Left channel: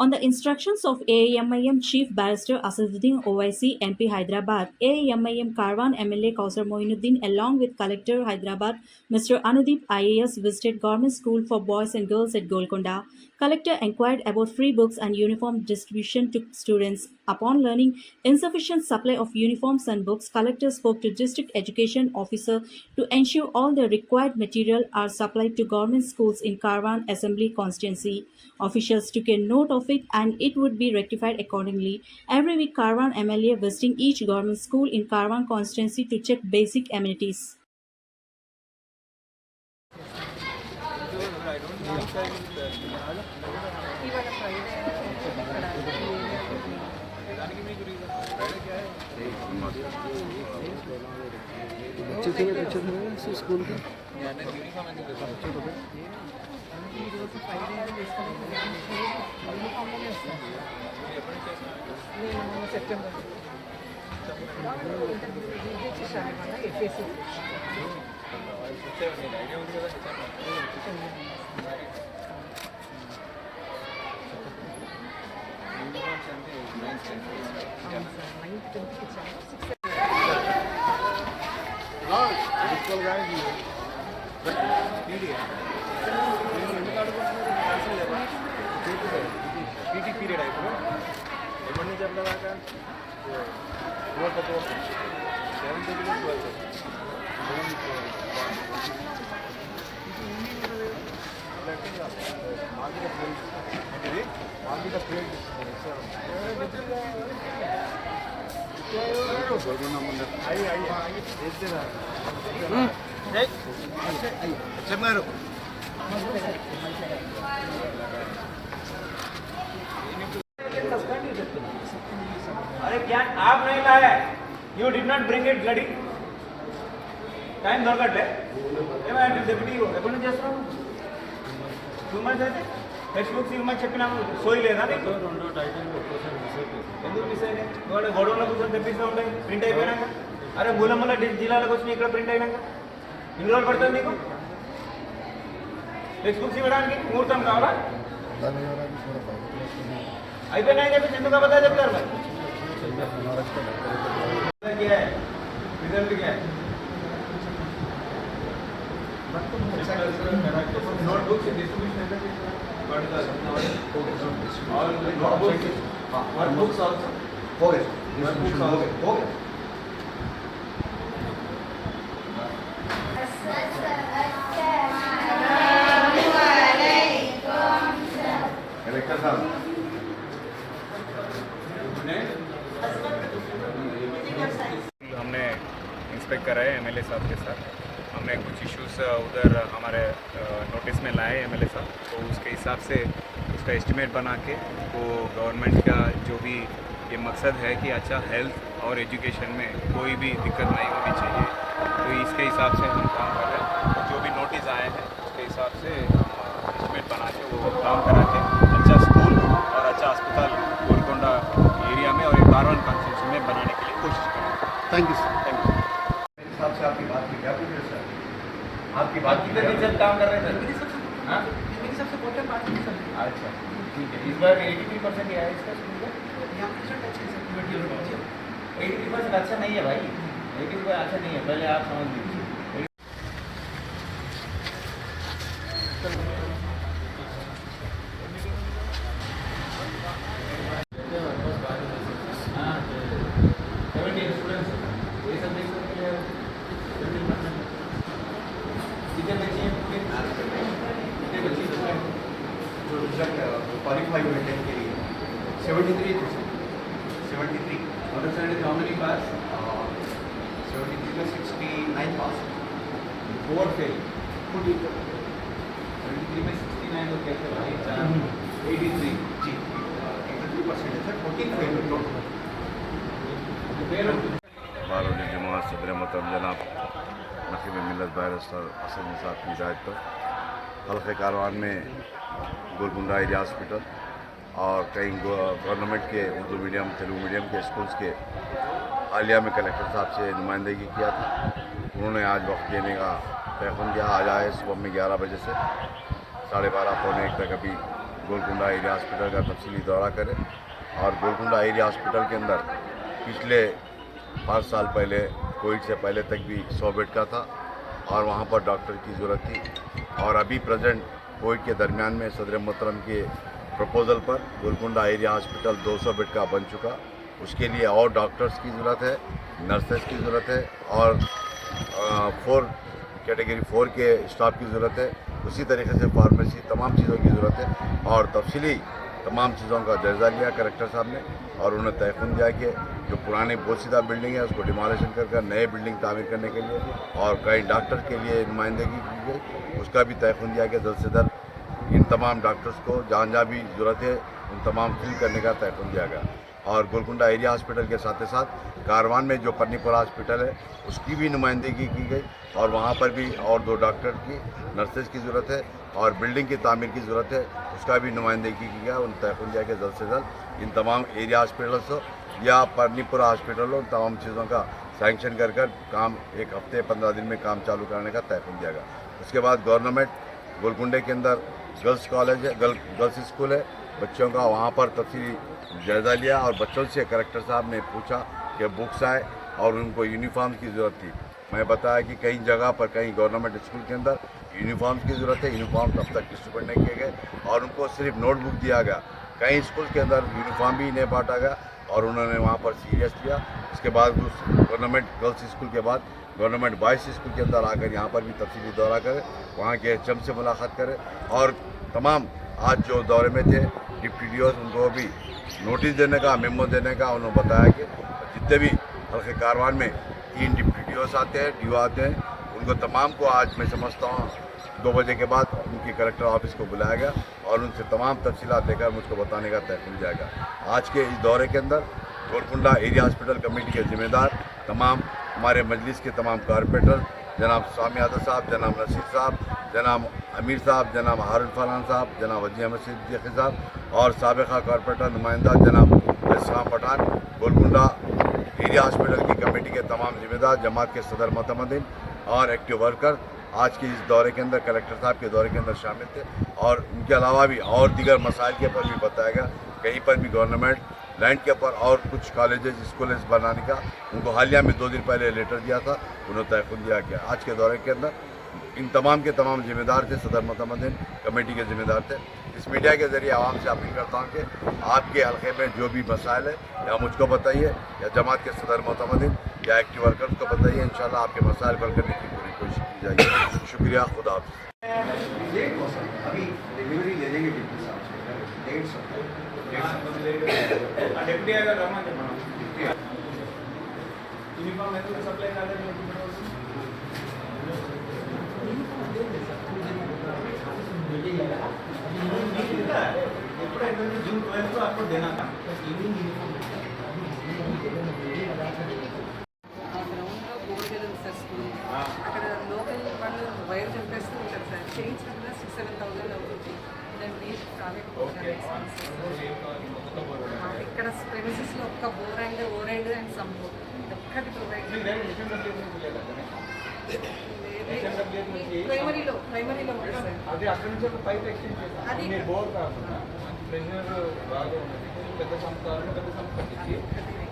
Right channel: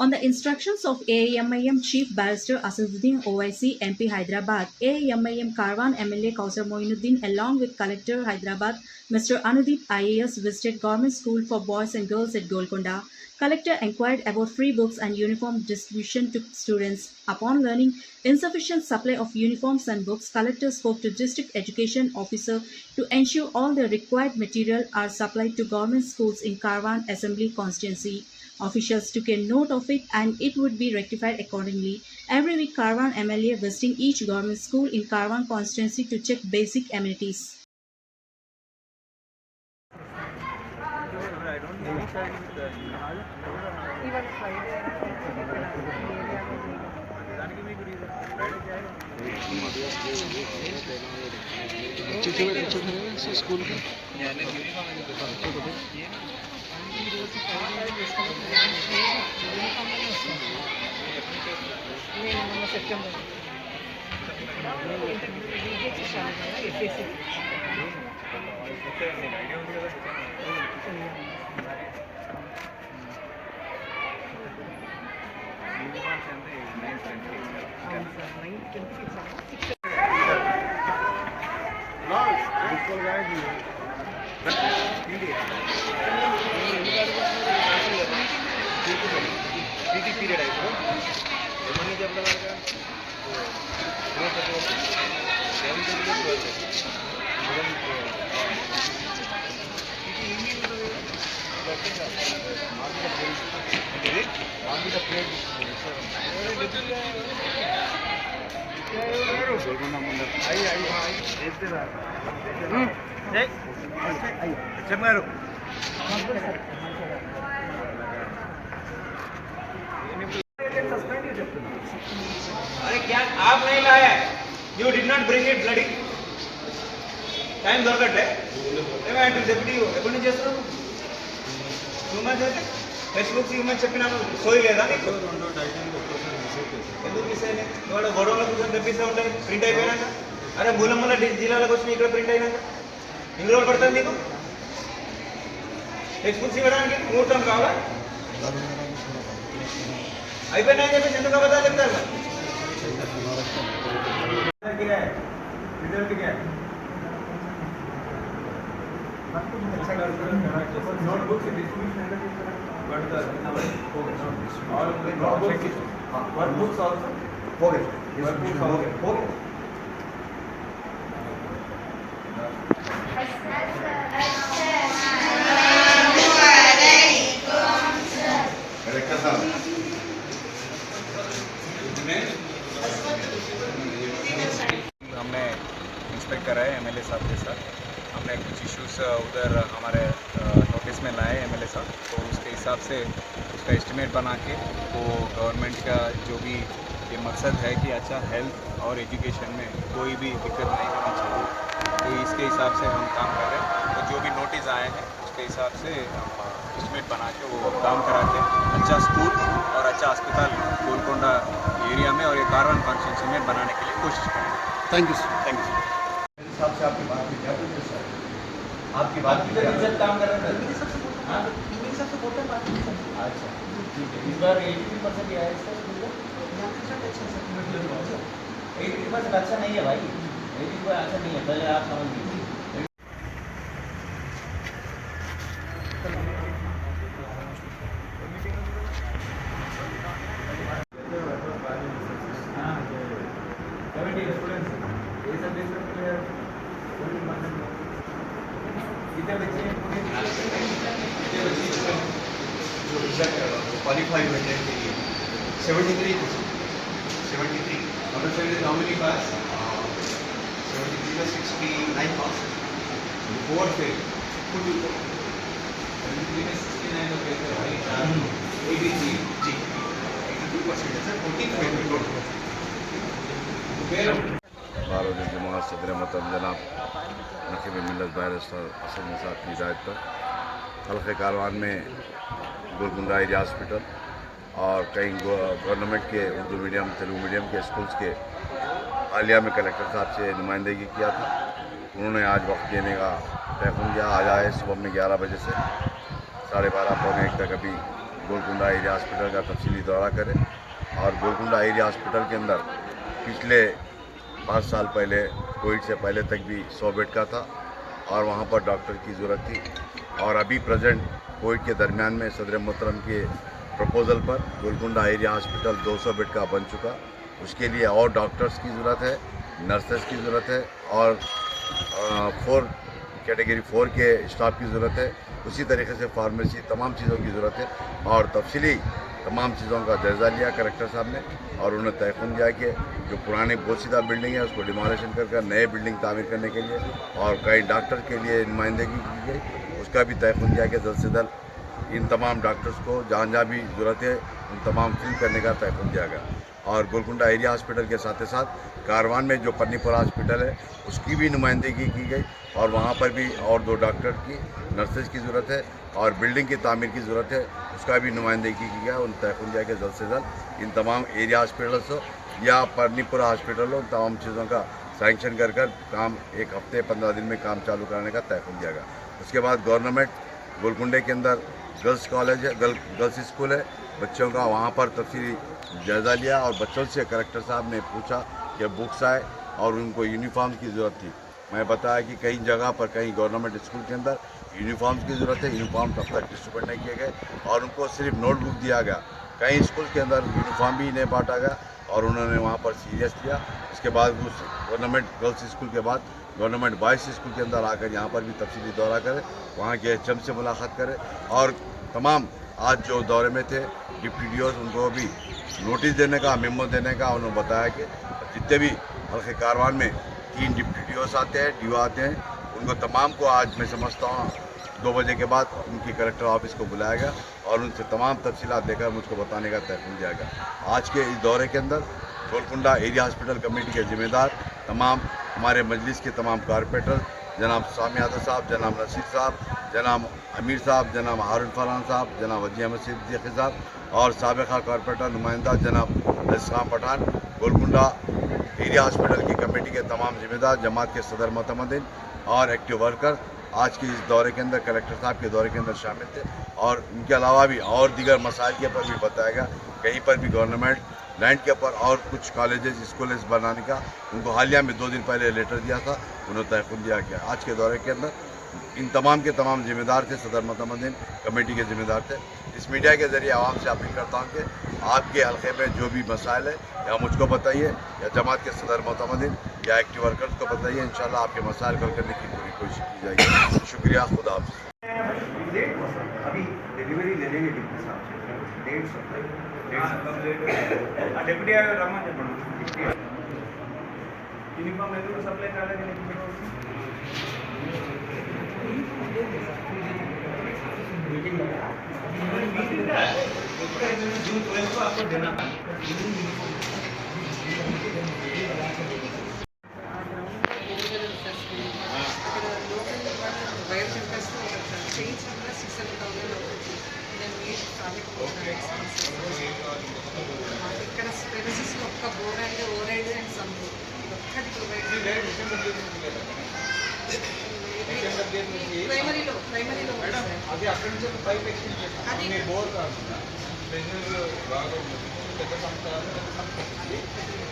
On the instructions of AIMIM Chief Barrister Asaduddin OIC MP Hyderabad, AIMIM Karwan MLA Kausar Moinuddin along with Collector Hyderabad Mr. Anudeep IAS visited Government School for Boys and Girls at Golconda. Collector inquired about free books and uniform distribution to students. Upon learning insufficient supply of uniforms and books, Collector spoke to District Education Officer to ensure all the required material are supplied to government schools in Karwan Assembly constituency. Officials took a note of it and it would be rectified accordingly. Every week, Karwan MLA visiting each government school in Karwan constituency to check basic amenities. School के నేను మొన్న September PT period ఇప్పుడు ఎప్పటి నుంచి ఎప్పటి వరకు 7th నుంచి 12th Golconda ముందర హెచ్ఎం గారు अरे क्या आप नहीं लाए you did not bring it bloody time దొరకట్లే ఏమంటే డెప్యూటీ ఎప్పటి నుంచి చేస్తున్నావు 2 months అయితే టెక్స్ట్ బుక్స్ ఇవ్వమని చెప్పినాము సోయి లేదా నీకు ఎందుకు మిస్ అయినాయి వాడు గొడవల కోసం తెప్పిస్తూ ఉంటాయి ప్రింట్ అయిపోయినాక అరే మూలమ్మల జిల్లాలకు వచ్చిన ఇక్కడ ప్రింట్ అయినాక ఎన్ని రోజులు పడుతుంది నీకు టెక్స్ట్ బుక్స్ ఇవ్వడానికి ముహూర్తం కావాలా అయిపోయినాయని చెప్పేసి ఎందుకు అబద్ధాలు చెప్తారు మరి रिजल्ट क्या है नोटबुक से डिस्ट्रीब्यूशन और नोटबुक्स वर्कबुक्स आल्सो हो गए वर्कबुक्स हो गए हमने इंस्पेक्ट करा है एमएलए साहब के साथ। हमने कुछ इश्यूज उधर हमारे नोटिस में लाए एमएलए साहब, तो उसके हिसाब से उसका एस्टिमेट बना के वो गवर्नमेंट का जो भी ये मकसद है कि अच्छा हेल्थ और एजुकेशन में कोई भी दिक्कत नहीं होनी चाहिए, तो इसके हिसाब से हम काम कर रहे हैं। तो जो भी नोटिस आए हैं उसके हिसाब से हम एस्टिमेट बना के वो काम करा के अच्छा स्कूल और अच्छा अस्पताल गोलकोंडा एरिया में और ये कारवान कॉन्स्टिट्यूंसी में बनाने के लिए कोशिश करेंगे। Thank you sir. Thank you sir. हिसाब से आपकी बात में क्या पूछ रहे सर आपकी बात की तरह काम कर रहे हैं हाँ अच्छा ठीक है इस बार 83% आया इसका स्कूल का 83% अच्छा नहीं है भाई 83% अच्छा नहीं है पहले आप समझ लीजिए क्वालिफाई हुए थे 73 understand is how many pass 73 में 69 pass 4 fail 73 में 69 तो कहते हैं भाई 83 जी 83% है 14 fail बारोद जमात सदर मोहतरम जनाब नकीब मिलत बैरिस्टर असद निसार की हिदायत पर हल्के कारवान में गोलकुंडा एरिया हॉस्पिटल और कई गवर्नमेंट के उर्दू मीडियम तेलुगु मीडियम के स्कूल्स के हालिया में कलेक्टर साहब से नुमाइंदगी किया था। उन्होंने आज वक्त देने का तय किया। आज आए सुबह में 11 बजे से 12:30 पौने 1 तक अभी गोलकुंडा एरिया हॉस्पिटल का तफसीली दौरा करें। और गोलकुंडा एरिया हॉस्पिटल के अंदर पिछले 5 साल पहले कोविड से पहले तक भी 100 बेड का था और वहाँ पर डॉक्टर की ज़रूरत थी। और अभी प्रेजेंट कोविड के दरमियान में सदर मोहतरम के प्रपोज़ल पर गोलकुंडा एरिया हॉस्पिटल 200 बेड का बन चुका। उसके लिए और डॉक्टर्स की ज़रूरत है, नर्सेस की ज़रूरत है और 4 कैटेगरी 4 के स्टाफ की ज़रूरत है। उसी तरीके से फार्मेसी तमाम चीज़ों की ज़रूरत है। और तफसीली तमाम चीज़ों का जायज़ा लिया कलेक्टर साहब ने और उन्हें तयक़ुन दिया कि जो पुरानी बोसीदा बिल्डिंग है उसको डिमोलिशन कर नए बिल्डिंग तामीर करने के लिए और कई डॉक्टर के लिए नुमाइंदगी की गई, उसका भी तयक़ुन दिया कि जल्द से जल्द इन तमाम डॉक्टर्स को जहाँ जहाँ भी ज़रूरत है उन तमाम फिल करने का तयक़ुन दिया गया। और गोलकुंडा एरिया हॉस्पिटल के साथ ही साथ कारवान में जो पन्नीपुरा हॉस्पिटल है उसकी भी नुमाइंदगी की गई और वहाँ पर भी और 2 डॉक्टर की नर्सेज की ज़रूरत है और बिल्डिंग की तामीर की ज़रूरत है, उसका भी नुमाइंदगी की गया। उन तयक़ुन दिया कि जल्द से जल्द इन तमाम एरिया हॉस्पिटल्स हो या पन्नीपुरा हॉस्पिटल हो, तमाम चीज़ों का सैंक्शन कर काम 1 हफ्ते 15 दिन में काम चालू करने का तयक़ुन दिया गया। उसके बाद गवर्नमेंट गोलकुंडे के अंदर गर्ल्स कॉलेज है, गर्ल्स स्कूल है बच्चों का, वहाँ पर तफसीली जायज़ा लिया और बच्चों से कलेक्टर साहब ने पूछा कि बुक्स आए और उनको यूनिफॉर्म की ज़रूरत थी। मैं बताया कि कई जगह पर कहीं गवर्नमेंट स्कूल के अंदर यूनिफॉर्म्स की ज़रूरत है, यूनिफॉर्म तब तक डिस्ट्रीब्यूट नहीं किए गए और उनको सिर्फ नोटबुक दिया गया। कई स्कूल के अंदर यूनिफॉर्म भी नहीं बांटा गया और उन्होंने वहाँ पर सीरियस लिया। उसके बाद उस गवर्नमेंट गर्ल्स स्कूल के बाद गवर्नमेंट बॉयज़ स्कूल के अंदर आकर यहाँ पर भी तफसीली दौरा करें, वहाँ के HM से मुलाकात करें और तमाम आज जो दौरे में थे डिप्टी DOs उनको भी नोटिस देने का, मेमो देने का उन्होंने बताया कि जितने भी हल्के कारवान में 3 डिप्टी DOs आते हैं, DO आते हैं, उनको तमाम को आज मैं समझता हूँ 2 बजे के बाद उनकी कलेक्टर ऑफिस को बुलाया गया और उनसे तमाम तफसीलात देकर मुझको बताने का तयक़ुन दिया गया। आज के इस दौरे के अंदर गोलकुंडा एरिया हॉस्पिटल कमेटी के ज़िम्मेदार तमाम हमारे मजलिस के तमाम कारपोरेटर जनाब स्वामी यादव साहब, जनाब नसीर साहब, जनाब अमीर साहब, जनाब हारून फरहान साहब, जनाब वजी अहमद सिद्दीकी साहब और साबिक़ा कारपोरेटर नुमाइंदा जनाब असलाम पठान, गोलकुंडा एरिया हॉस्पिटल की कमेटी के तमाम ज़िम्मेदार, जमात के सदर मोतमदीन और एक्टिव वर्कर आज के इस दौरे के अंदर कलेक्टर साहब के दौरे के अंदर शामिल थे। और उनके अलावा भी और दीगर मसाइल के ऊपर भी बताया गया। कहीं पर भी गवर्नमेंट लैंड के ऊपर और कुछ कॉलेजेस स्कूल्स बनाने का उनको हालिया में 2 दिन पहले लेटर दिया था, उन्हें तयक़ुन दिया गया। आज के दौरे के अंदर इन तमाम के तमाम ज़िम्मेदार थे, सदर मोतमदीन कमेटी के ज़िम्मेदार थे। इस मीडिया के ज़रिए आवाम से अपील करता हूँ कि आपके हल्के में जो भी मसाइल है या मुझको बताइए या जमात के सदर मोतमदीन या एक्टिव वर्कर्स को बताइए, इंशाल्लाह आपके मसाइल हल करने की पूरी कोशिश की जाएगी। शुक्रिया, खुदा हाफ़िज़। अभी डिलीवरी ले लेंगे डिप्टी साहब से, 150 डिप्टी आएगा रामा यूनिफॉर्म है तो सप्लाई कर रहे हैं जून 12 को आपको देना था। అక్కడ లోకల్ వాళ్ళు వైర్ చెప్పేస్తూ ఉంటారు సార్, చేయించినప్పుడు 6-7,000 అవుతుంది. దాని మీరు కాలేకపోతున్నాను. ఇక్కడ ప్రెమిసెస్లో ఒక్క బోర్ అండ్ ఓరైడ్ అండ్ సమ్ ఒక్కటి ప్రొవైడ్ ప్రైమరీలో ఉంది సార్. అది అక్కడి నుంచి ఒక పైప్ ఎక్స్టెండ్ చేస్తాం. అది మీ బోర్ కాకుండా ప్రెషర్ బాగా ఉంది, పెద్ద సంస్థ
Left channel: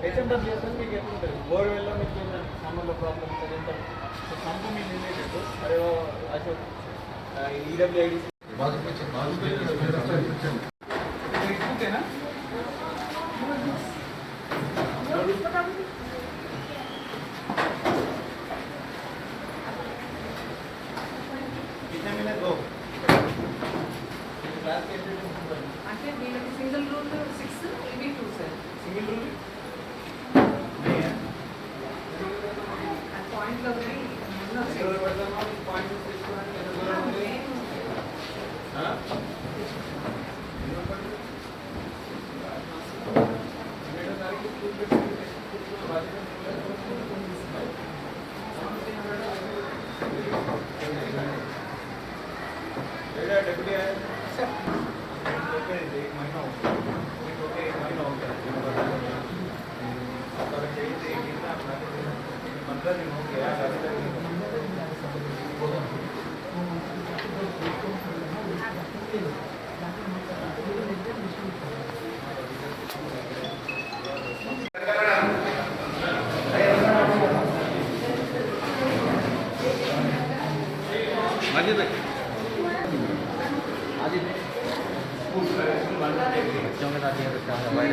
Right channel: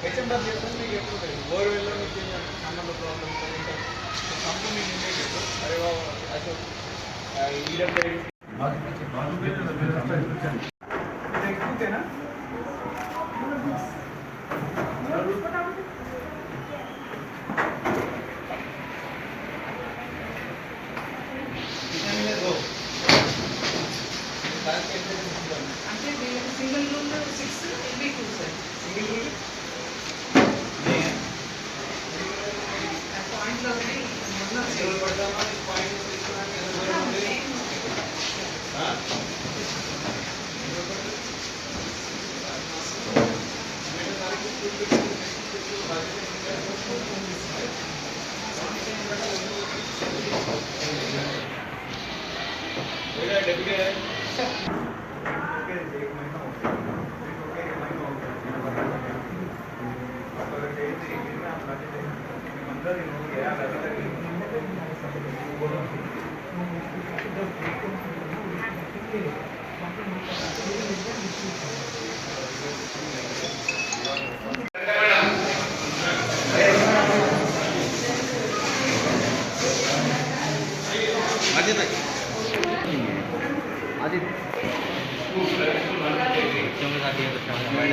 HMW చేస్తాను మీకు ఎప్పుడు ఉంటుంది బోర్ వెళ్ళలో మీకు సంబంధ ప్రాబ్లమ్ ఉంటుంది సంపు మీకు ఉండేటట్టు అరే అసలు ఈడబ్ల్యూఐడి ఎక్కుతేనా అంటే వీళ్ళకి సింగిల్ రూమ్ 6 ఇవి 2 సార్. సింగిల్ రూమ్ పాయింట్లో ఉన్నాయి మొన్న डेप्यूटी है एक महीना हो गया, एक महीना हो गया आप अगर चाहिए तो एक दिन में आप लाते देना 15 दिन हो गया अभी तक बच्चों के साथ ये तो अच्छा मोबाइल